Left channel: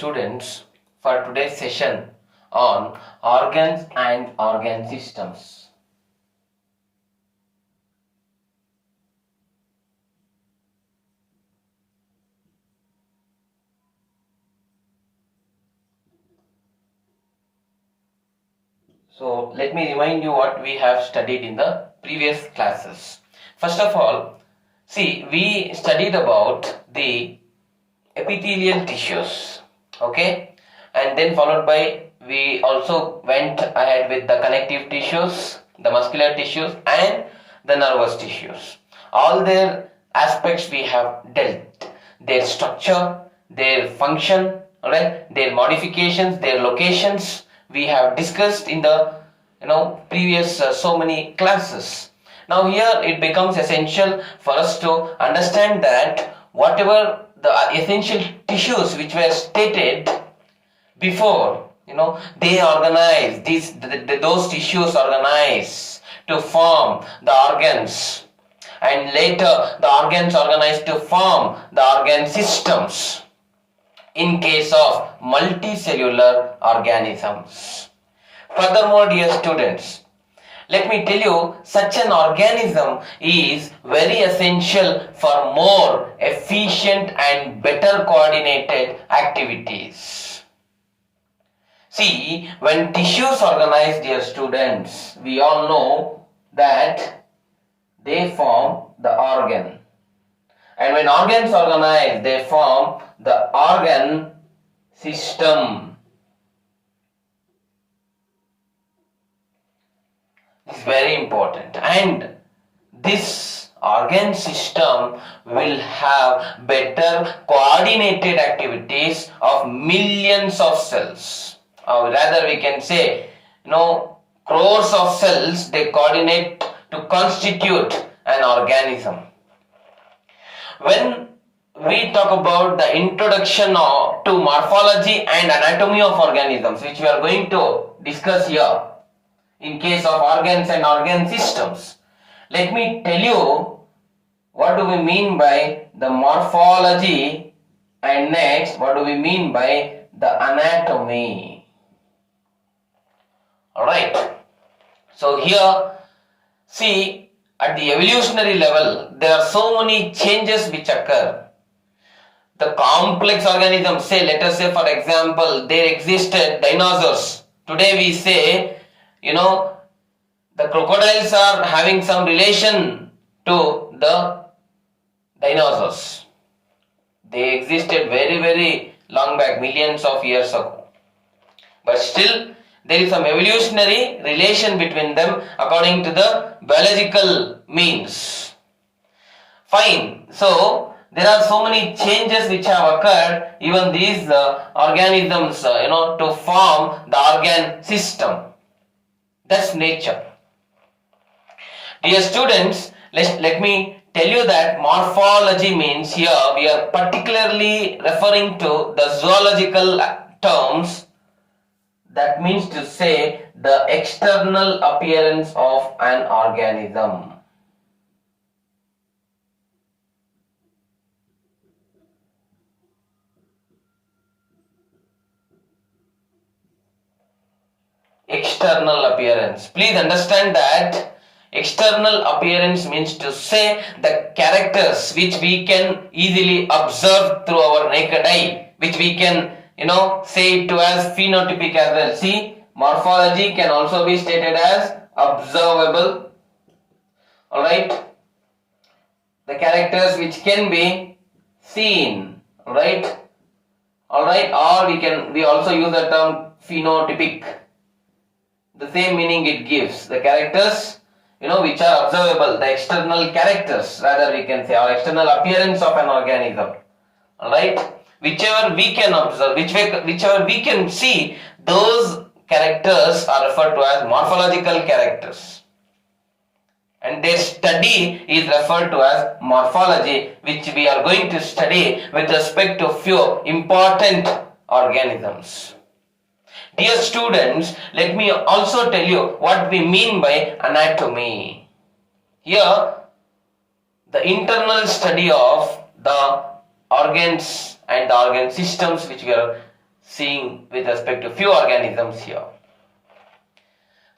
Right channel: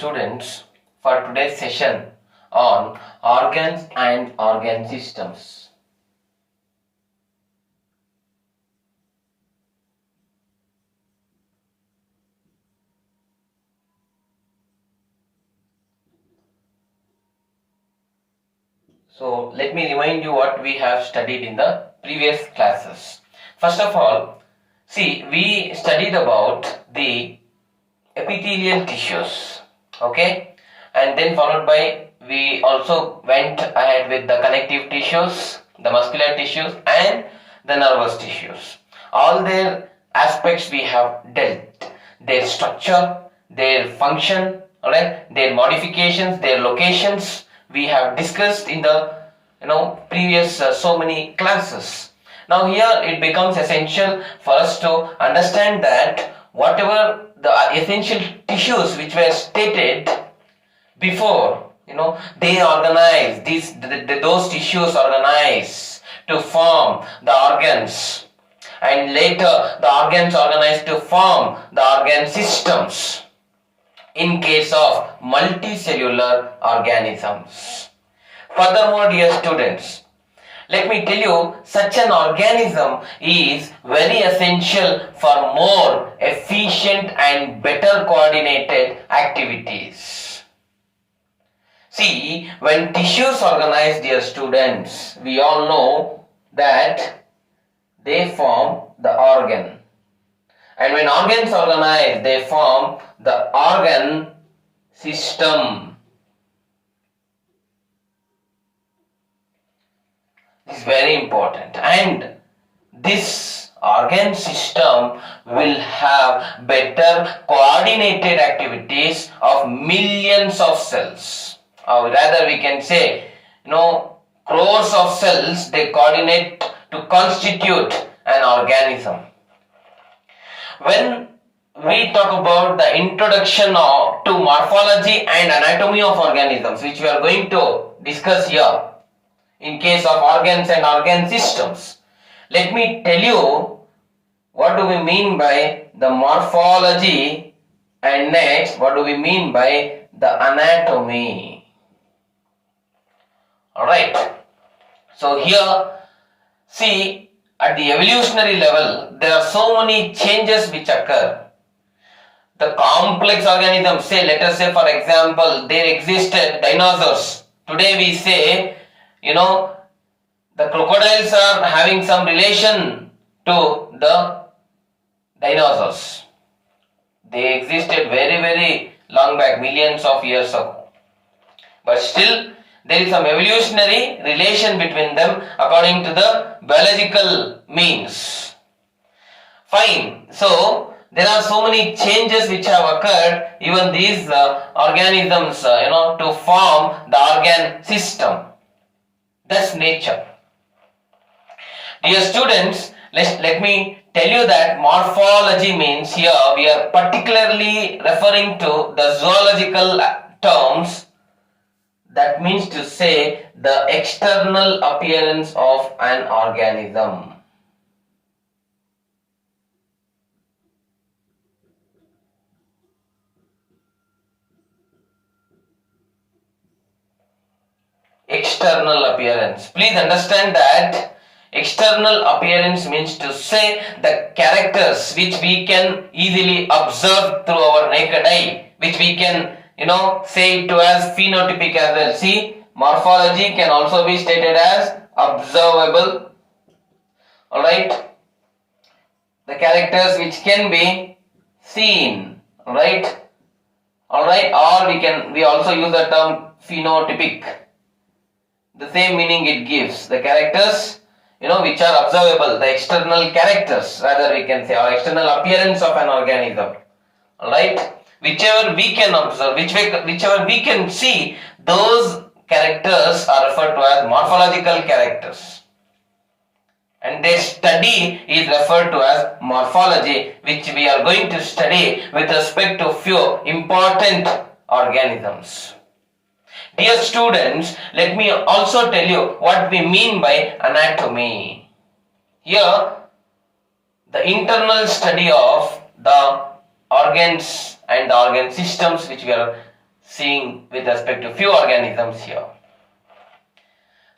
students, for today's session on organs and organ systems. So let me remind you what we have studied in the previous classes. First of all, see, we studied about the epithelial tissues, okay, and then followed by we also went ahead with the connective tissues, the muscular tissues and the nervous tissues. All their aspects we have dealt, their structure, their function, alright, their modifications, their locations we have discussed in the previous so many classes. Now here it becomes essential for us to understand that whatever the essential tissues which were stated before, they organize those tissues organize to form the organs, and later the organs organize to form the organ systems in case of multicellular organisms. Furthermore, dear students, let me tell you, such an organism is very essential for more efficient and better coordinated activities. See, when tissues organize, dear students, we all know that they form the organ. And when organs organize, they form the organ system. This is very important. And this organ system will have better coordinated activities of millions of cells. Or rather we can say, crores of cells, they coordinate to constitute an organism. When we talk about the introduction to morphology and anatomy of organisms, which we are going to discuss here in case of organs and organ systems, let me tell you what do we mean by the morphology, and next what do we mean by the anatomy. Alright, so here see, at the evolutionary level, there are so many changes which occur. The complex organisms, say, let us say for example, there existed dinosaurs. Today we say, the crocodiles are having some relation to the dinosaurs. They existed very, very long back, millions of years ago. But still, there is some evolutionary relation between them according to the biological means. Fine. So, there are so many changes which have occurred, even these organisms, to form the organ system. That's nature. Dear students, let me tell you that morphology means here we are particularly referring to the zoological terms. That means to say the external appearance of an organism. External appearance. Please understand that external appearance means to say the characters which we can easily observe through our naked eye, which we can say it to as phenotypic as well. See, morphology can also be stated as observable. Alright, the characters which can be seen. Alright, or we also use the term phenotypic. The same meaning it gives. The characters, which are observable, the external characters, rather we can say, or external appearance of an organism. Alright, whichever we can observe, whichever we can see, those characters are referred to as morphological characters. And their study is referred to as morphology, which we are going to study with respect to few important organisms. Dear students, let me also tell you what we mean by anatomy. Here, the internal study of the organs and the organ systems which we are seeing with respect to few organisms here.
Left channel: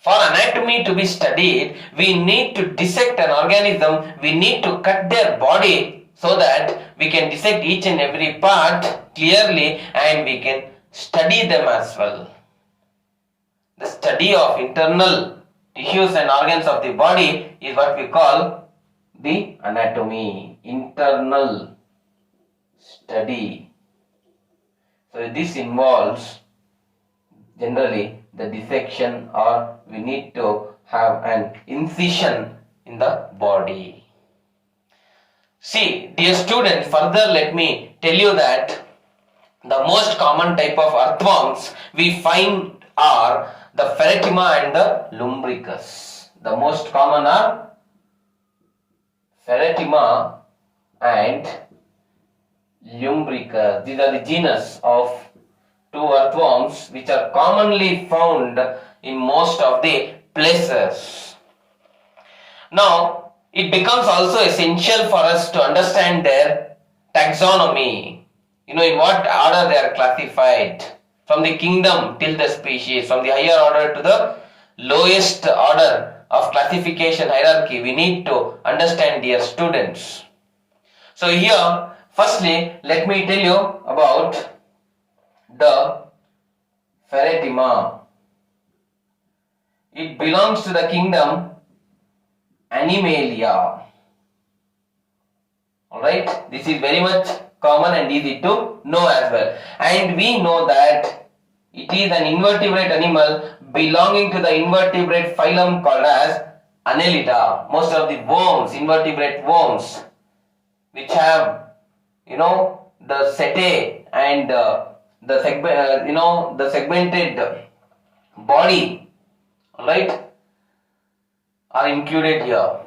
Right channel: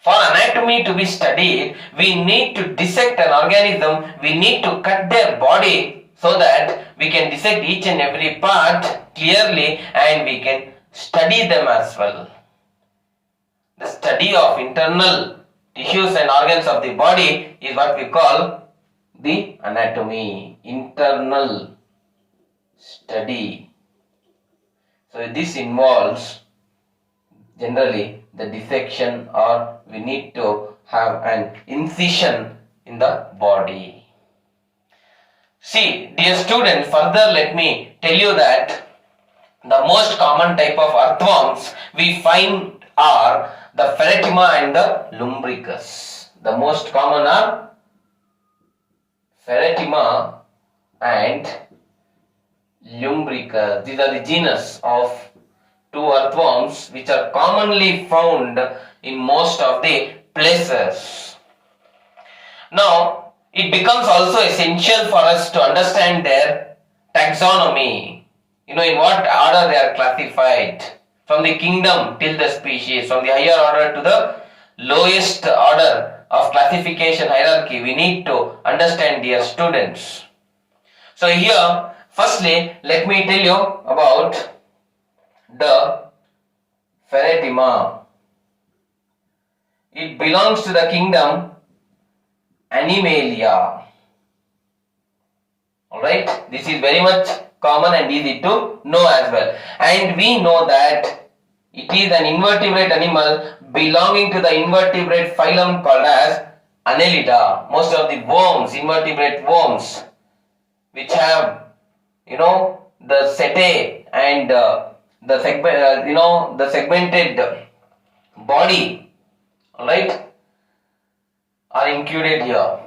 For anatomy to be studied, we need to dissect an organism, we need to cut their body so that we can dissect each and every part clearly and we can study them as well. The study of internal tissues and organs of the body is what we call the anatomy, internal study. So this involves generally the dissection, or we need to have an incision in the body. See, dear students, further let me tell you that the most common type of earthworms we find are the Ferretima and the Lumbricus. The most common are Ferretima and Lumbricus. These are the genus of two earthworms which are commonly found in most of the places. Now, it becomes also essential for us to understand their taxonomy. In what order they are classified, from the kingdom till the species, from the higher order to the lowest order of classification hierarchy. We need to understand, dear students. So here, firstly, let me tell you about the Ferretima. It belongs to the kingdom Animalia. Alright, this is very much common and easy to know as well. And we know that it is an invertebrate animal belonging to the invertebrate phylum called as Annelida. Most of the worms, invertebrate worms, which have, the setae and the segmented body, alright, are included here.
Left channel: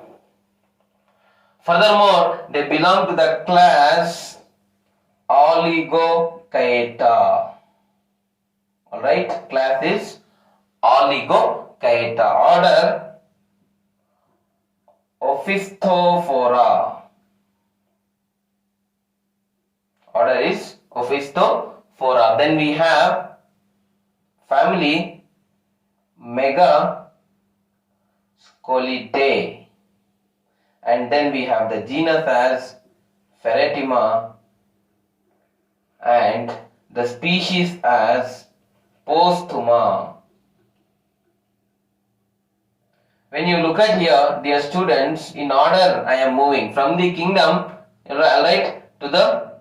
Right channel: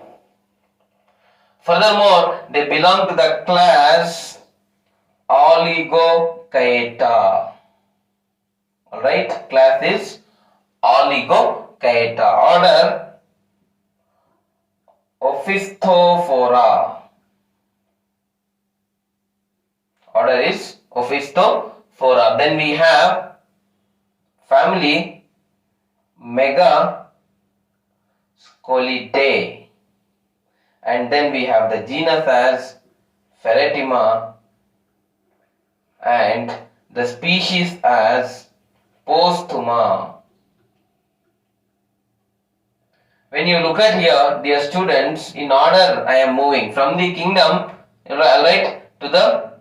Furthermore, they belong to the class Oligochaeta. Alright, class is Oligochaeta. Order Opisthophora. Order is Opisthophora. Then we have family Megascolidae. And then we have the genus as Ferretima and the species as Posthuma. When you look at here, dear students, in order I am moving from the kingdom, right, to the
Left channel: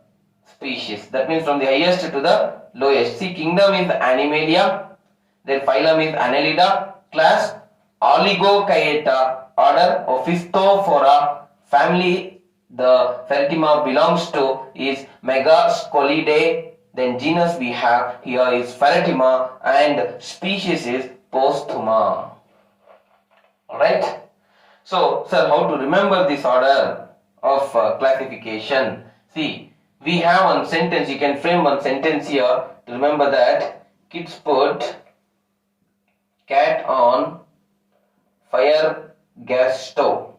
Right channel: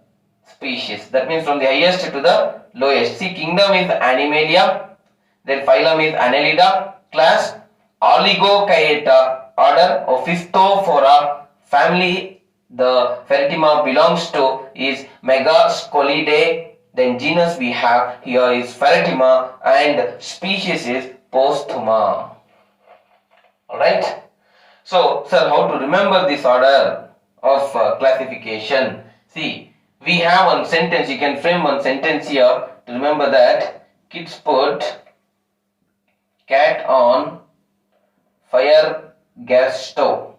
species. That means from the highest to the lowest. See, kingdom is Animalia, then phylum is Annelida, class Oligochaeta, order Opisthophora, family the Ferretima belongs to is Megascolidae, then genus we have here is Ferretima and species is Posthuma. Alright. So, sir, how to remember this order of classification? See, we have one sentence, you can frame one sentence here to remember that. Kids put cat on fire gas stove.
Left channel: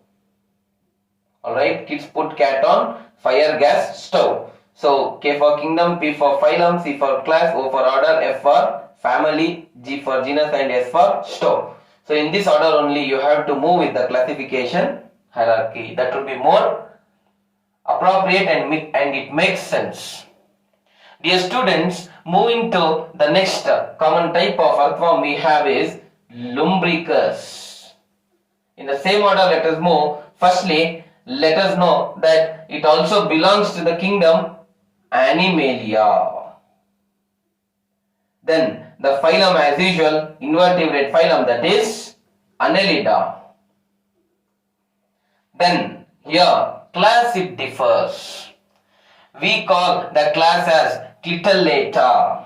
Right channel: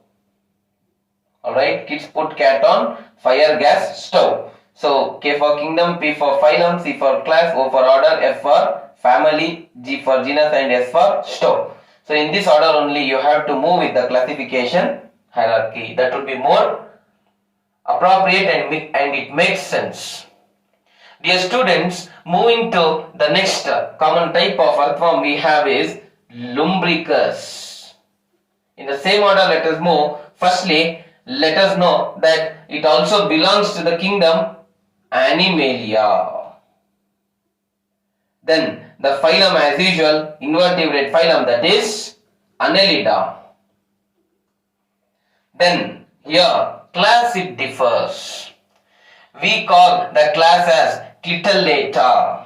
Alright, kids put cat on fire gas stove. So, K for kingdom, P for phylum, C for class, O for order, F for family, G for genus and S for stove. So, in this order only you have to move with the classification hierarchy. That would be more appropriate and it makes sense. Dear students, moving to the next common type of earthworm we have is Lumbricus. In the same order, let us move. Firstly, let us know that it also belongs to the kingdom Animalia. Then the phylum as usual, invertebrate phylum, that is Annelida. Then here class it differs. We call the class as Clitellata.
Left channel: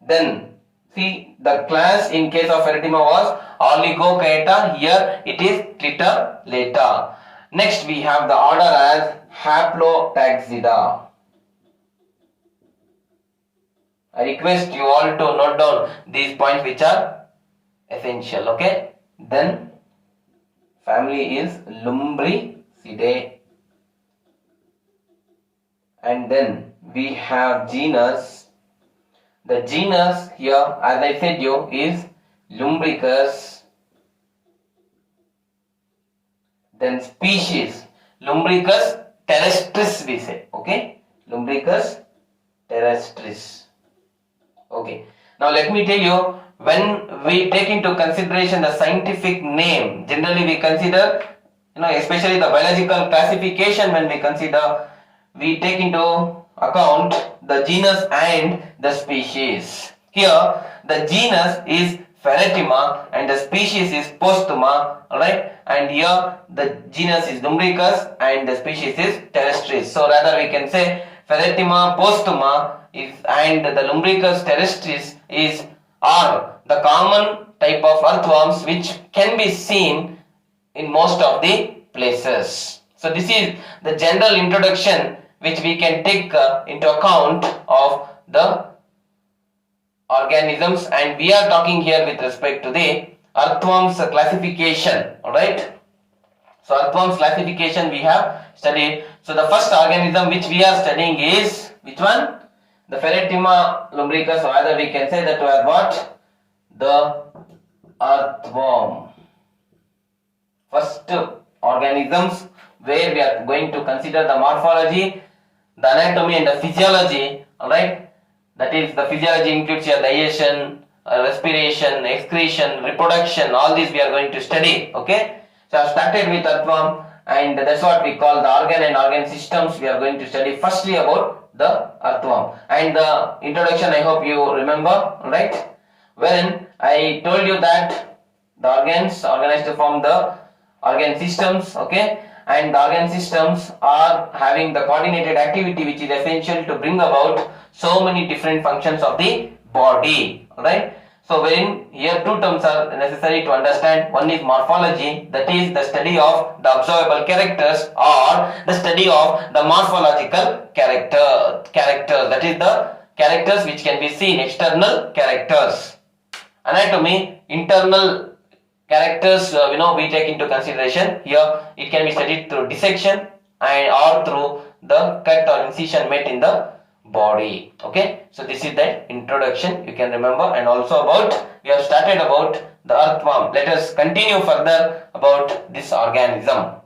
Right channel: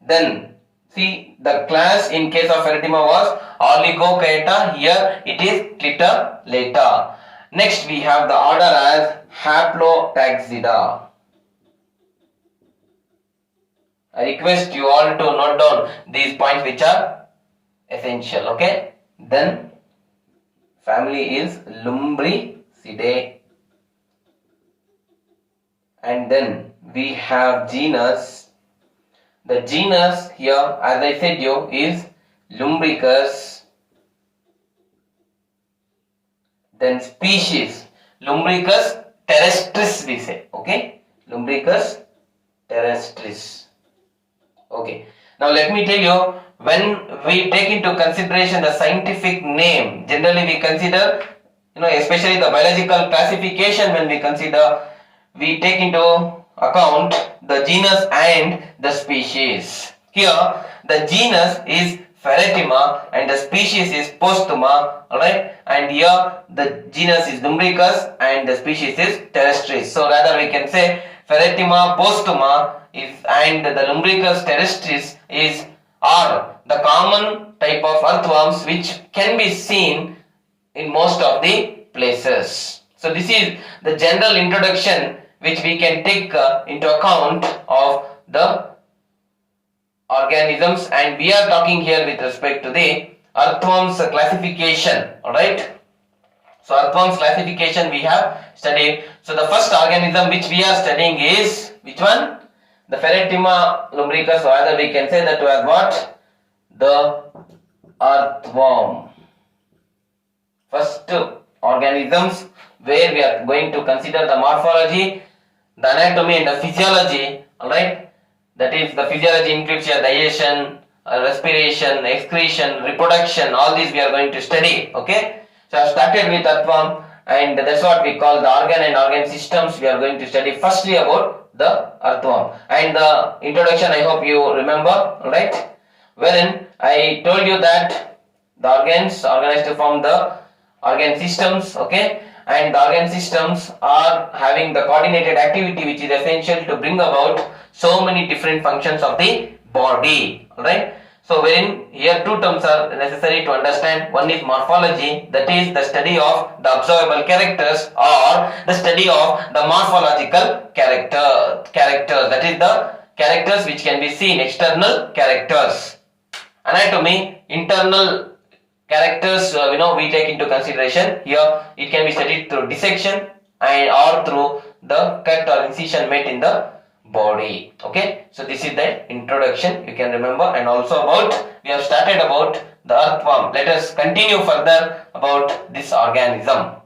Then see, the class in case of Ferretima was Oligochaeta, here it is Clitellata. Next we have the order as Haplotaxida. I request you all to note down these points which are essential, okay? Then family is Lumbricidae. and then we have genus. The genus here, as I said you, is Lumbricus. Then species, Lumbricus terrestris we say, okay, Lumbricus terrestris. Okay, now let me tell you, when we take into consideration the scientific name, generally we consider, especially the biological classification, when we consider, we take into account the genus and the species. Here the genus is Ferretima and the species is Postuma, alright, and here the genus is Lumbricus and the species is terrestris. So rather we can say Ferretima postuma is and the Lumbricus terrestris are the common type of earthworms which can be seen in most of the places. So this is the general introduction which we can take into account of the organisms, and we are talking here with respect to the earthworms classification. Alright, so earthworms classification we have studied. So the first organism which we are studying is which one? The Ferretima lumbricus, or rather we can say that was what? The earthworm. First organisms where we are going to consider the morphology, the anatomy and the physiology. Alright, that is, the physiology includes your digestion, respiration, excretion, reproduction, all these we are going to study. Okay, so I have started with earthworm, and that's what we call the organ and organ systems. We are going to study firstly about the earthworm, and the introduction I hope you remember, right, wherein I told you that the organs organized to form the organ systems. Okay, and the organ systems are having the coordinated activity which is essential to bring about so many different functions of the body. Alright, so wherein here two terms are necessary to understand. One is morphology, that is the study of the observable characters or the study of the morphological characters, that is the characters which can be seen, external characters. Anatomy, internal characters we take into consideration. Here it can be studied through dissection and or through the cut or incision made in the body. Okay, so this is the introduction you can remember, and also about we have started about the earthworm. Let us continue further about this organism.